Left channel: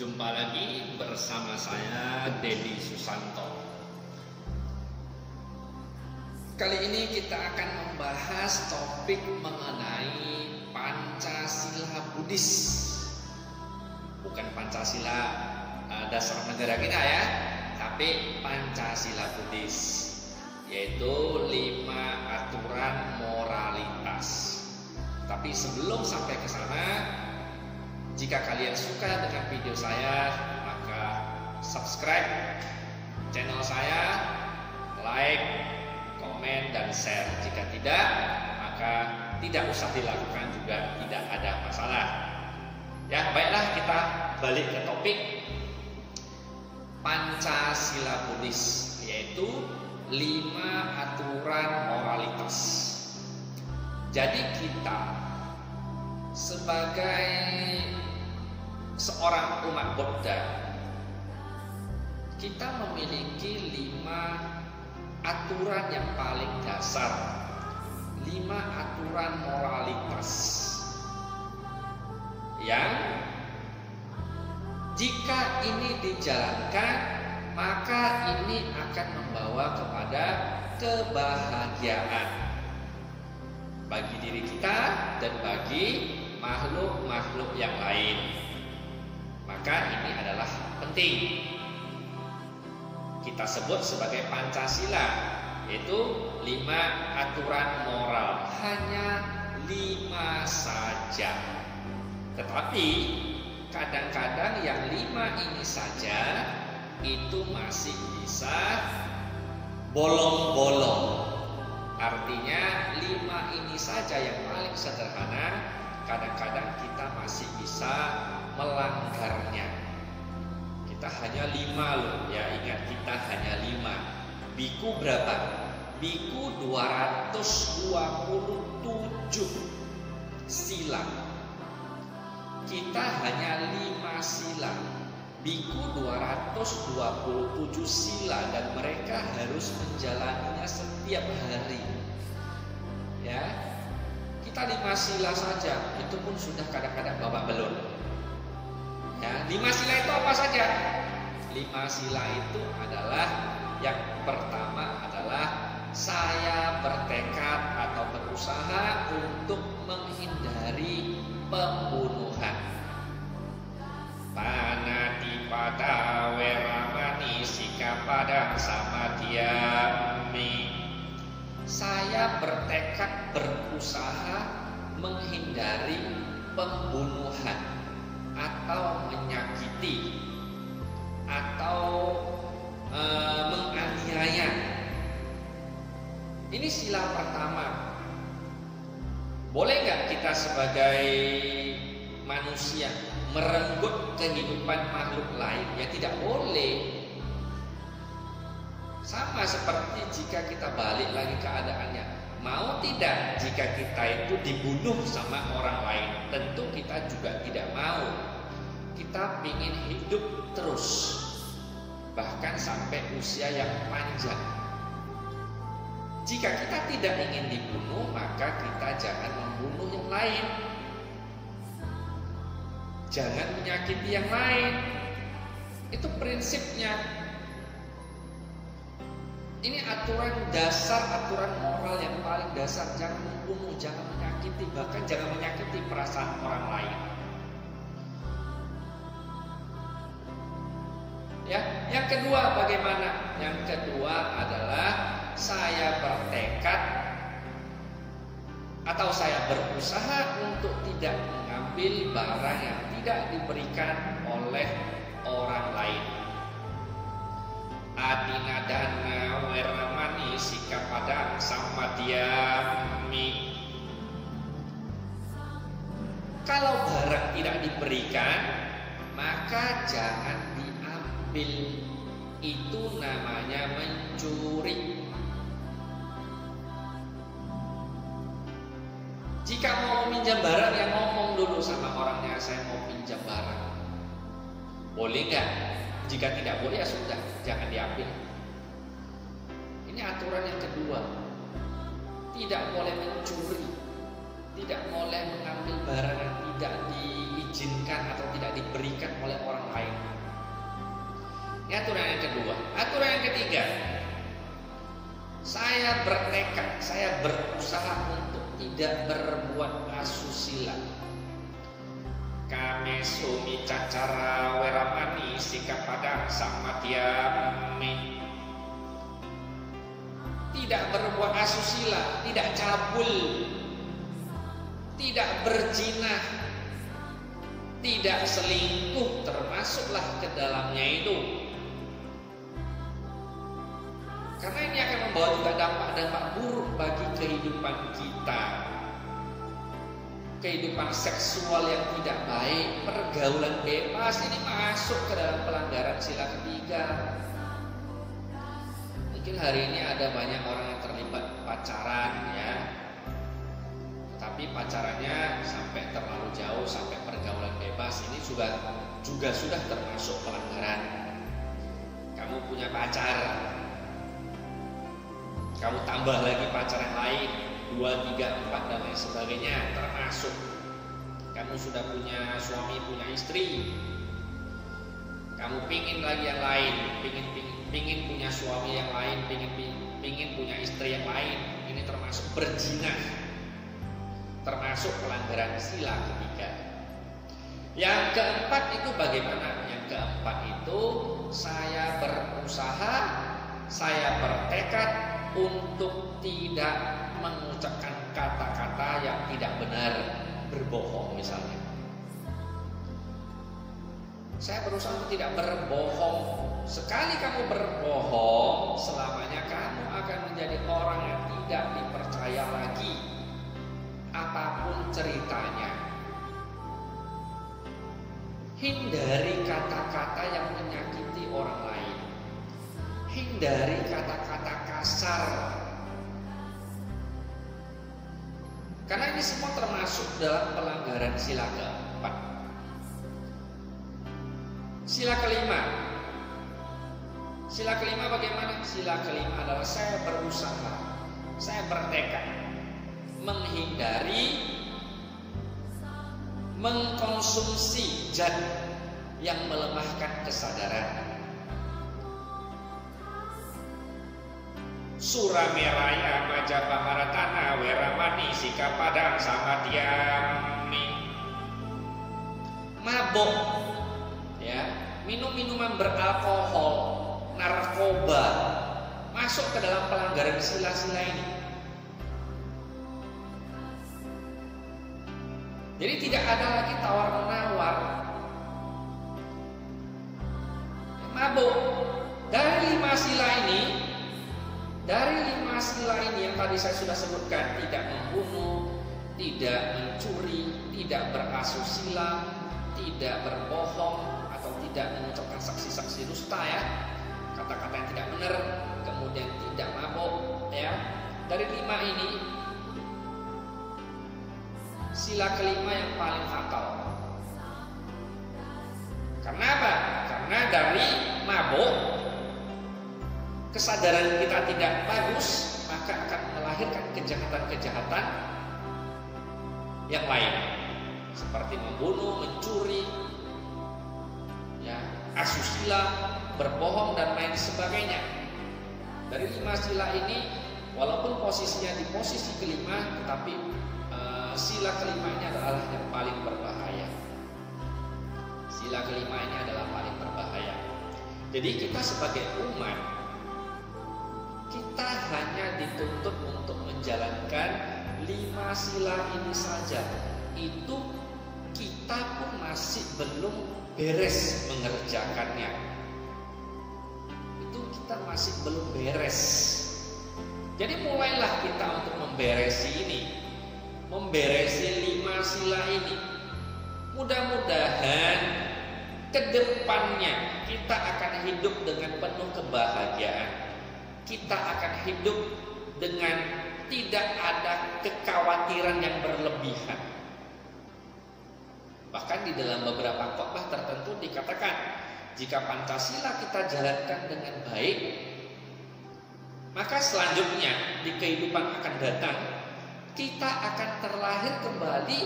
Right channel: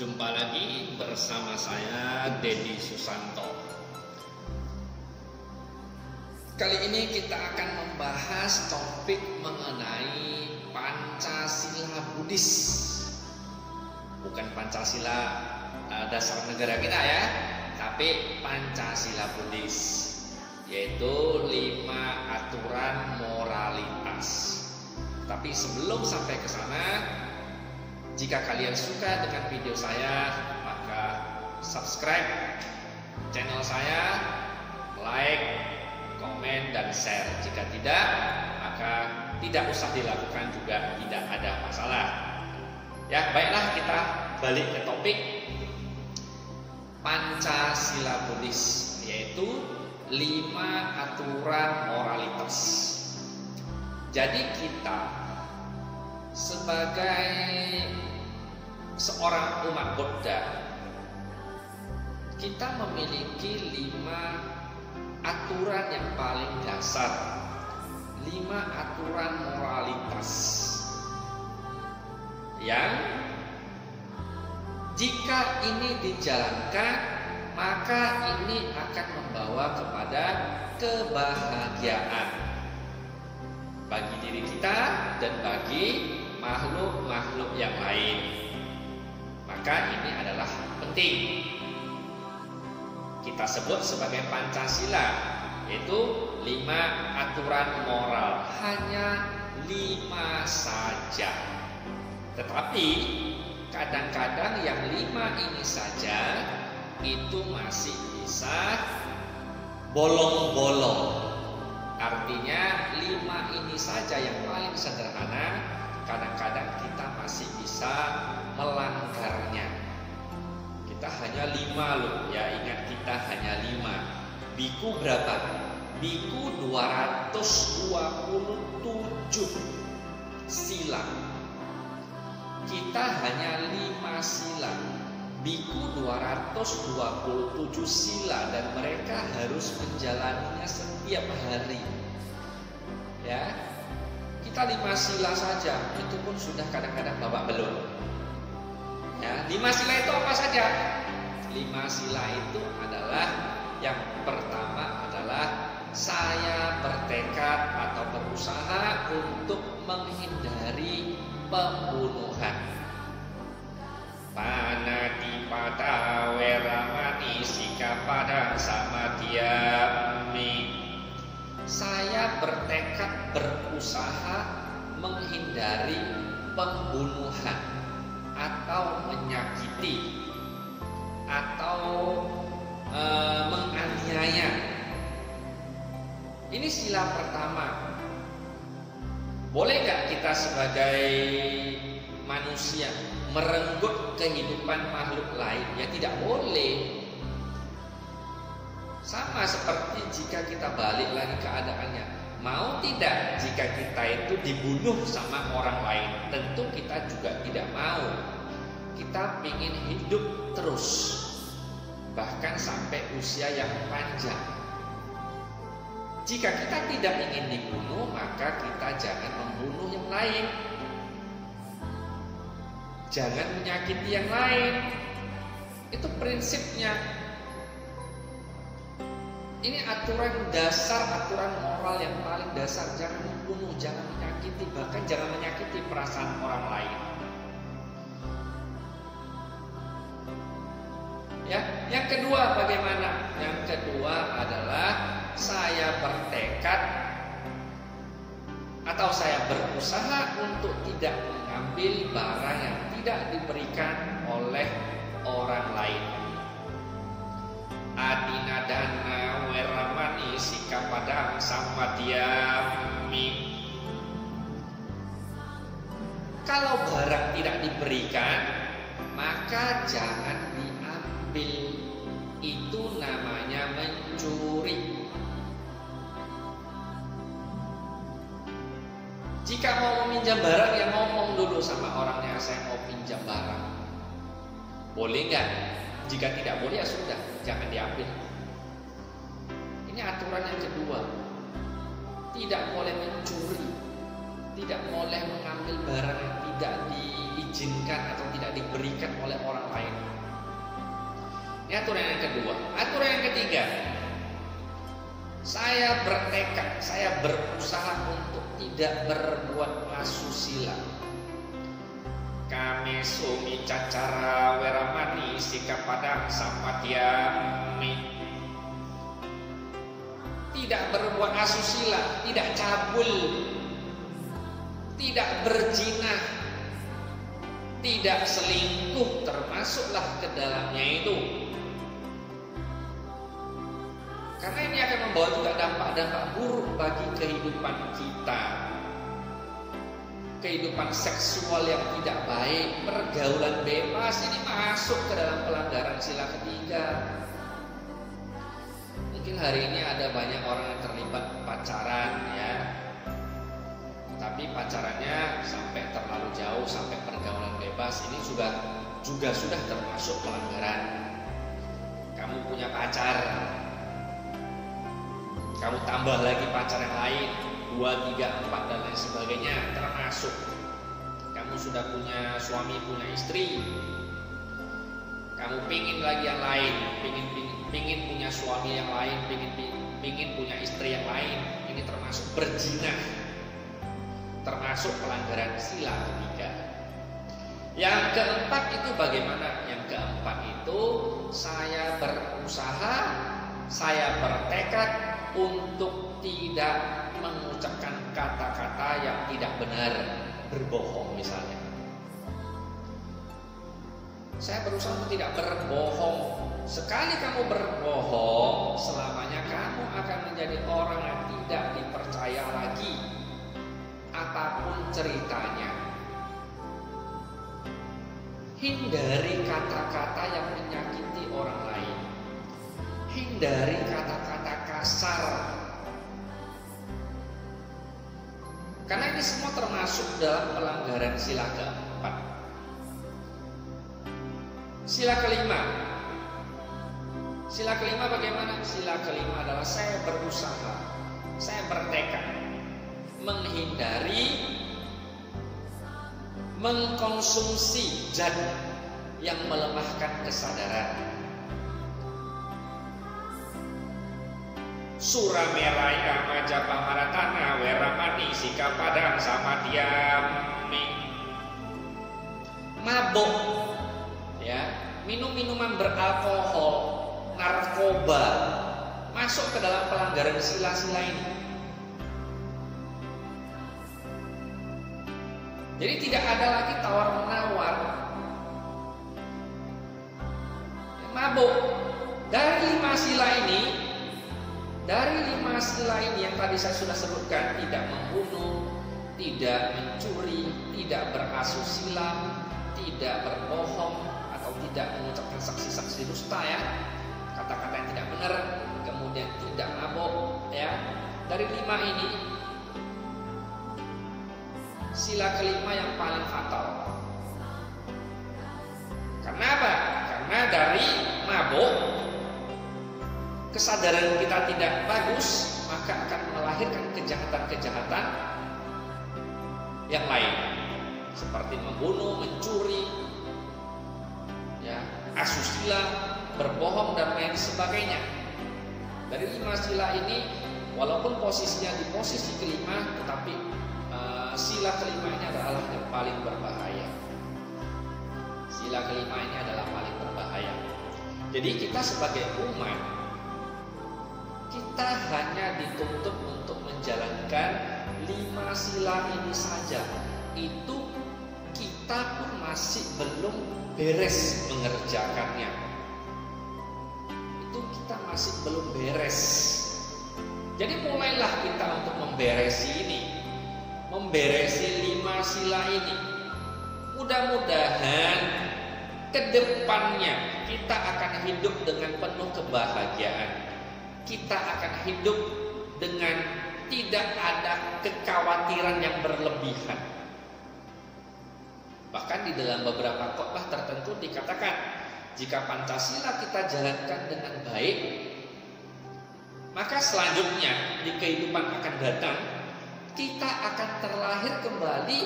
Jumpa lagi bersama saya Dedi Susanto. Kali ini kita akan membahas topik mengenai Pancasila Buddhis. Bukan Pancasila dasar negara kita ya, tapi Pancasila Buddhis, yaitu 5 aturan moralitas. Tapi sebelum sampai ke sana, jika kalian suka dengan video saya, maka subscribe channel saya, like, komen, dan share. Jika tidak, maka tidak usah dilakukan juga, tidak ada masalah. Ya, baiklah, kita balik ke topik Pancasila Buddhis, yaitu 5 aturan moralitas. Jadi kita sebagai seorang umat Buddha, kita memiliki 5 aturan yang paling dasar, 5 aturan moralitas yang jika ini dijalankan, maka ini akan membawa kepada kebahagiaan bagi diri kita dan bagi makhluk-makhluk yang lain. Maka ini adalah penting. Kita sebut sebagai Pancasila, yaitu 5 aturan moral. Hanya 5 saja. Tetapi kadang-kadang yang 5 ini saja itu masih bisa bolong-bolong. Artinya 5 ini saja yang paling sederhana, kadang-kadang kita masih bisa melanggarnya. Kita hanya 5 loh, ya ingat, kita hanya 5. Biku berapa? Biku 227 sila. Kita hanya 5 sila. Biku 227 sila, dan mereka harus menjalaninya setiap hari. Ya, kita 5 sila saja, itu pun sudah kadang-kadang babak belur. Ya, 5 sila itu apa saja? 5 sila itu adalah, yang pertama adalah saya bertekad atau berusaha untuk menghindari pembunuhan. Panatipada weramani sikapada samadhyami. Saya bertekad berusaha menghindari pembunuhan atau menyakiti atau menganiaya. Ini sila pertama. Boleh nggak kita sebagai manusia merenggut kehidupan makhluk lain? Ya tidak boleh. Sama seperti jika kita balik lagi keadaannya, mau tidak jika kita itu dibunuh sama orang lain? Tentu kita juga tidak mau. Kita ingin hidup terus, bahkan sampai usia yang panjang. Jika kita tidak ingin dibunuh, maka kita jangan membunuh yang lain. Jangan menyakiti yang lain. Itu prinsipnya. Ini aturan dasar, aturan moral yang paling dasar. Jangan membunuh, jangan menyakiti, bahkan jangan menyakiti perasaan orang lain. Ya, yang kedua bagaimana? Yang kedua adalah saya bertekad atau saya berusaha untuk tidak mengambil barang yang tidak diberikan oleh orang lain. Adinadana weramani sikapada samadhyami. Kalau barang tidak diberikan, maka jangan diambil. Itu namanya mencuri. Jika mau meminjam barang, ya ngomong dulu sama orangnya, saya mau pinjam barang. Boleh nggak? Jika tidak boleh, ya sudah, jangan diambil. Ini aturan yang kedua. Tidak boleh mencuri, tidak boleh mengambil barang yang tidak diizinkan atau tidak diberikan oleh orang lain. Ini aturan yang kedua. Aturan yang ketiga, saya bertekad, saya berusaha untuk tidak berbuat asusila. Kame sumi cacara weramani sikap padang sama diami. Tidak berbuat asusila, tidak cabul, tidak berzina, tidak selingkuh, termasuklah ke dalamnya itu. Karena ini akan membawa juga dampak-dampak buruk bagi kehidupan kita. Kehidupan seksual yang tidak baik, pergaulan bebas, ini masuk ke dalam pelanggaran sila ketiga. Mungkin hari ini ada banyak orang yang terlibat pacaran ya, tapi pacarannya sampai terlalu jauh, sampai pergaulan bebas, ini juga sudah termasuk pelanggaran. Kamu punya pacar, kamu tambah lagi pacar yang lain, 2, 3, 4 dan lain sebagainya, termasuk. Kamu sudah punya suami, punya istri, kamu pingin lagi yang lain, pingin punya suami yang lain, pingin punya istri yang lain, ini termasuk berzina, termasuk pelanggaran sila ketiga. Yang keempat itu bagaimana? Yang keempat itu saya berusaha, saya bertekad untuk tidak mengucapkan kata-kata yang tidak benar, berbohong misalnya. Saya berusaha untuk tidak berbohong. Sekali kamu berbohong, selamanya kamu akan menjadi orang yang tidak dipercaya lagi, apapun ceritanya. Hindari kata-kata yang menyakiti orang lain. Hindari kata-kata kasar. Karena ini semua termasuk dalam pelanggaran sila keempat. Sila kelima. Sila kelima bagaimana? Sila kelima adalah saya berusaha, saya bertekad menghindari mengkonsumsi zat yang melemahkan kesadaran. Surameraya majapa maratana weramani sikapadang sama diami. Mabuk, ya, minum minuman beralkohol, narkoba, masuk ke dalam pelanggaran sila-sila ini. Jadi tidak ada lagi tawar-menawar. Mabuk. Dari 5 sila ini, yang tadi saya sudah sebutkan, tidak membunuh, tidak mencuri, tidak berasusila, tidak berbohong, atau tidak mengucapkan saksi-saksi dusta ya, kata-kata yang tidak benar, kemudian tidak mabuk ya. Dari 5 ini, sila kelima yang paling fatal. Karena apa? Karena dari mabuk, kesadaran kita tidak bagus, maka akan melahirkan kejahatan-kejahatan yang lain, seperti membunuh, mencuri, ya, asusila, berbohong dan lain sebagainya. Dari 5 sila ini, walaupun posisinya di posisi kelima, tetapi sila kelima ini adalah yang paling berbahaya. Sila kelima ini adalah paling berbahaya. Jadi kita sebagai umat, kita hanya dituntut untuk menjalankan 5 sila ini saja. Itu kita pun masih belum beres mengerjakannya. Itu kita masih belum beres. Jadi mulailah kita untuk memberesi ini, memberesi 5 sila ini. Mudah-mudahan kedepannya kita akan hidup dengan penuh kebahagiaan. Kita akan hidup dengan tidak ada kekhawatiran yang berlebihan. Bahkan di dalam beberapa khotbah tertentu dikatakan, jika Pancasila kita jalankan dengan baik, maka selanjutnya di kehidupan akan datang, kita akan terlahir kembali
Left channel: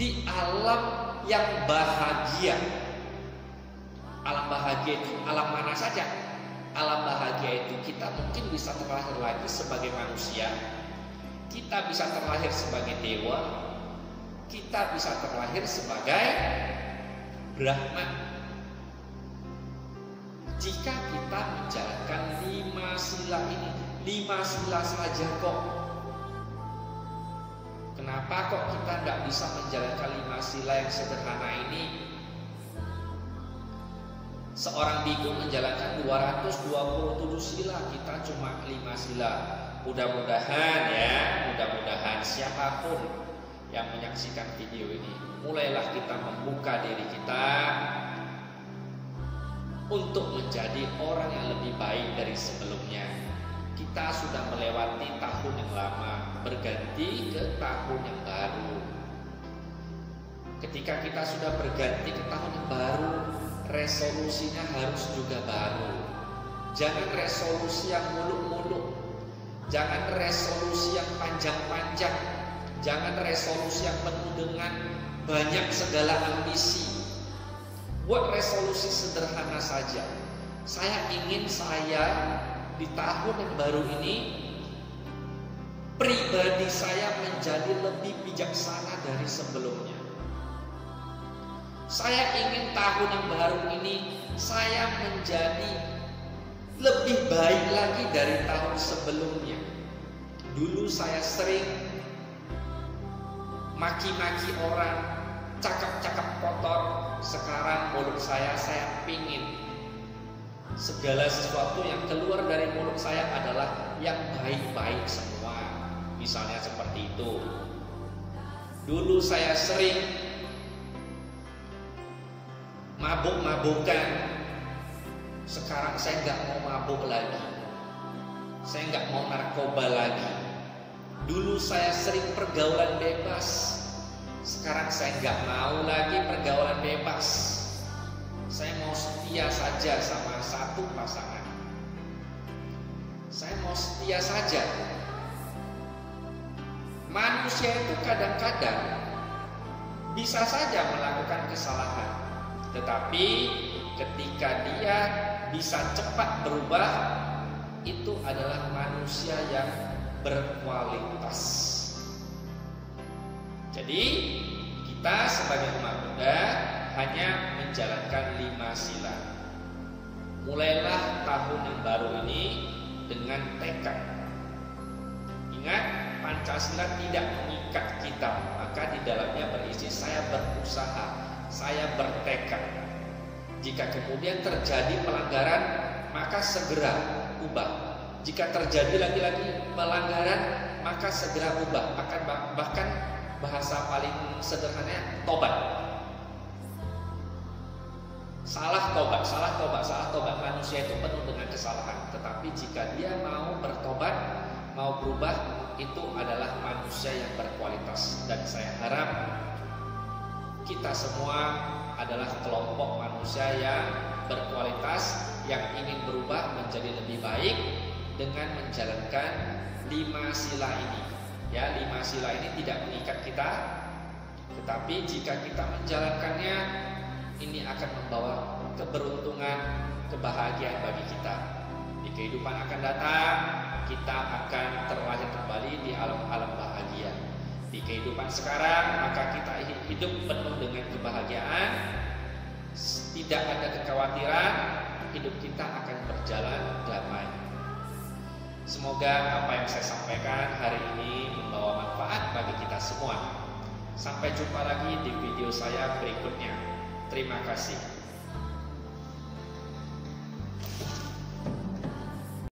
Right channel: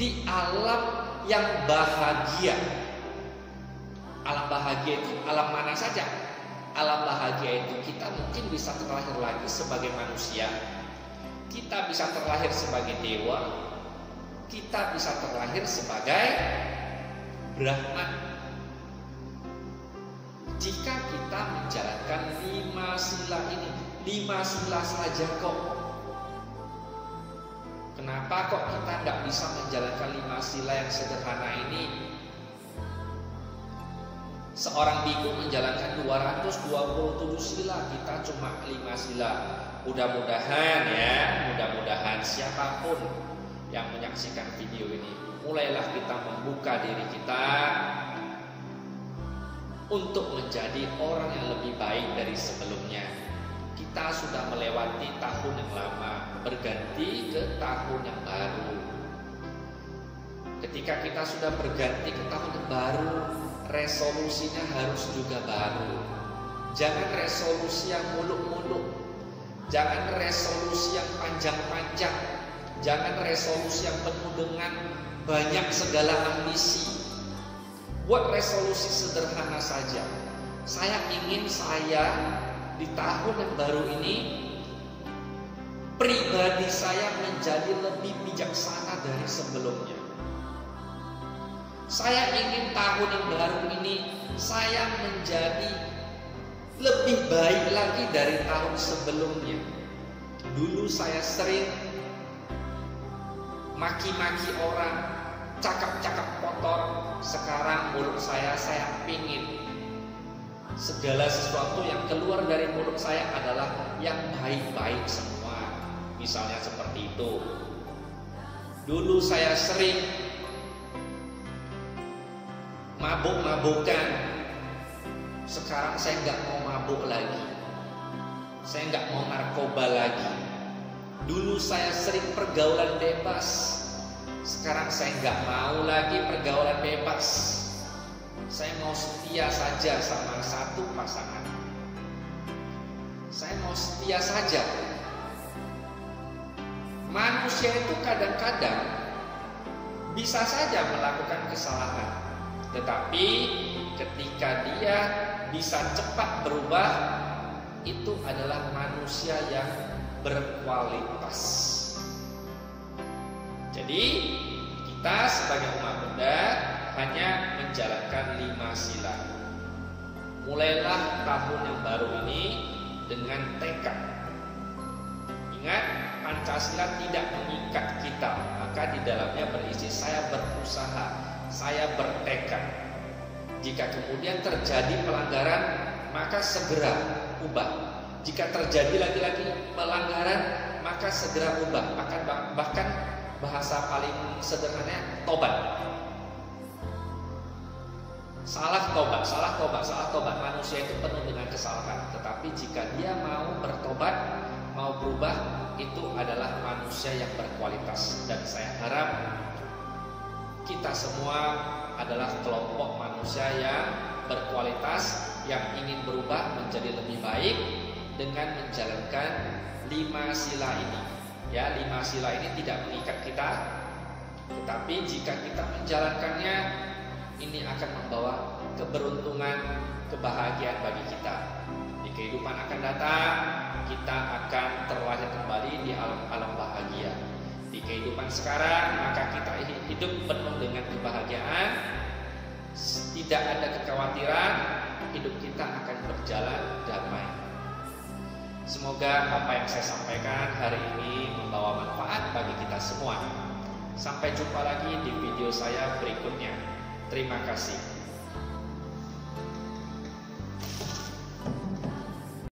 di alam yang bahagia. Alam bahagia itu alam mana saja? Alam bahagia itu kita mungkin bisa terlahir lagi sebagai manusia, kita bisa terlahir sebagai dewa, kita bisa terlahir sebagai Brahma. Jika kita menjalankan 5 sila ini, 5 sila saja kok. Kenapa kok kita nggak bisa menjalankan 5 sila yang sederhana ini? Seorang biku menjalankan 227 sila, kita cuma 5 sila. Mudah-mudahan siapapun yang menyaksikan video ini, mulailah kita membuka diri kita untuk menjadi orang yang lebih baik dari sebelumnya. Kita sudah melewati tahun yang lama, berganti ke tahun yang baru. Ketika kita sudah berganti ke tahun yang baru, resolusinya harus juga baru. Jangan resolusi yang muluk-muluk, jangan resolusi yang panjang-panjang, jangan resolusi yang penuh dengan banyak segala ambisi. Buat resolusi sederhana saja. Saya ingin di tahun yang baru ini, pribadi saya menjadi lebih bijaksana dari sebelumnya. Saya ingin tahun yang baru ini saya menjadi lebih baik lagi dari tahun sebelumnya. Dulu saya sering maki-maki orang, cakap-cakap kotor. Sekarang mulut saya pingin segala sesuatu yang keluar dari mulut saya adalah yang baik-baik semua. Misalnya seperti itu. Dulu saya sering mabuk-mabukan. Sekarang saya nggak mau mabuk lagi. Saya nggak mau narkoba lagi. Dulu saya sering pergaulan bebas. Sekarang saya nggak mau lagi pergaulan bebas. Saya mau setia saja sama satu pasangan. Saya mau setia saja. Manusia itu kadang-kadang bisa saja melakukan kesalahan, tetapi ketika dia bisa cepat berubah, itu adalah manusia yang berkualitas. Jadi kita sebagai umat Buddha hanya menjalankan 5 sila. Mulailah tahun yang baru ini dengan tekad. Ingat, Pancasila tidak mengikat kita, maka di dalamnya berisi saya berusaha, saya bertekad. Jika kemudian terjadi pelanggaran, maka segera ubah. Jika terjadi lagi-lagi pelanggaran, maka segera ubah. Bahkan bahasa paling sederhananya tobat. Salah tobat. Manusia itu penuh dengan kesalahan. Tetapi jika dia mau bertobat, mau berubah, itu adalah manusia yang berkualitas. Dan saya harap kita semua adalah kelompok manusia yang berkualitas, yang ingin berubah menjadi lebih baik dengan menjalankan 5 sila ini. Ya, 5 sila ini tidak mengikat kita, tetapi jika kita menjalankannya, ini akan membawa keberuntungan, kebahagiaan bagi kita. Di kehidupan akan datang, kita akan terlahir kembali di alam-alam bahagia. Di kehidupan sekarang, maka kita hidup penuh dengan kebahagiaan, tidak ada kekhawatiran, hidup kita akan berjalan damai. Semoga apa yang saya sampaikan hari ini membawa manfaat bagi kita semua. Sampai jumpa lagi di video saya berikutnya. Terima kasih.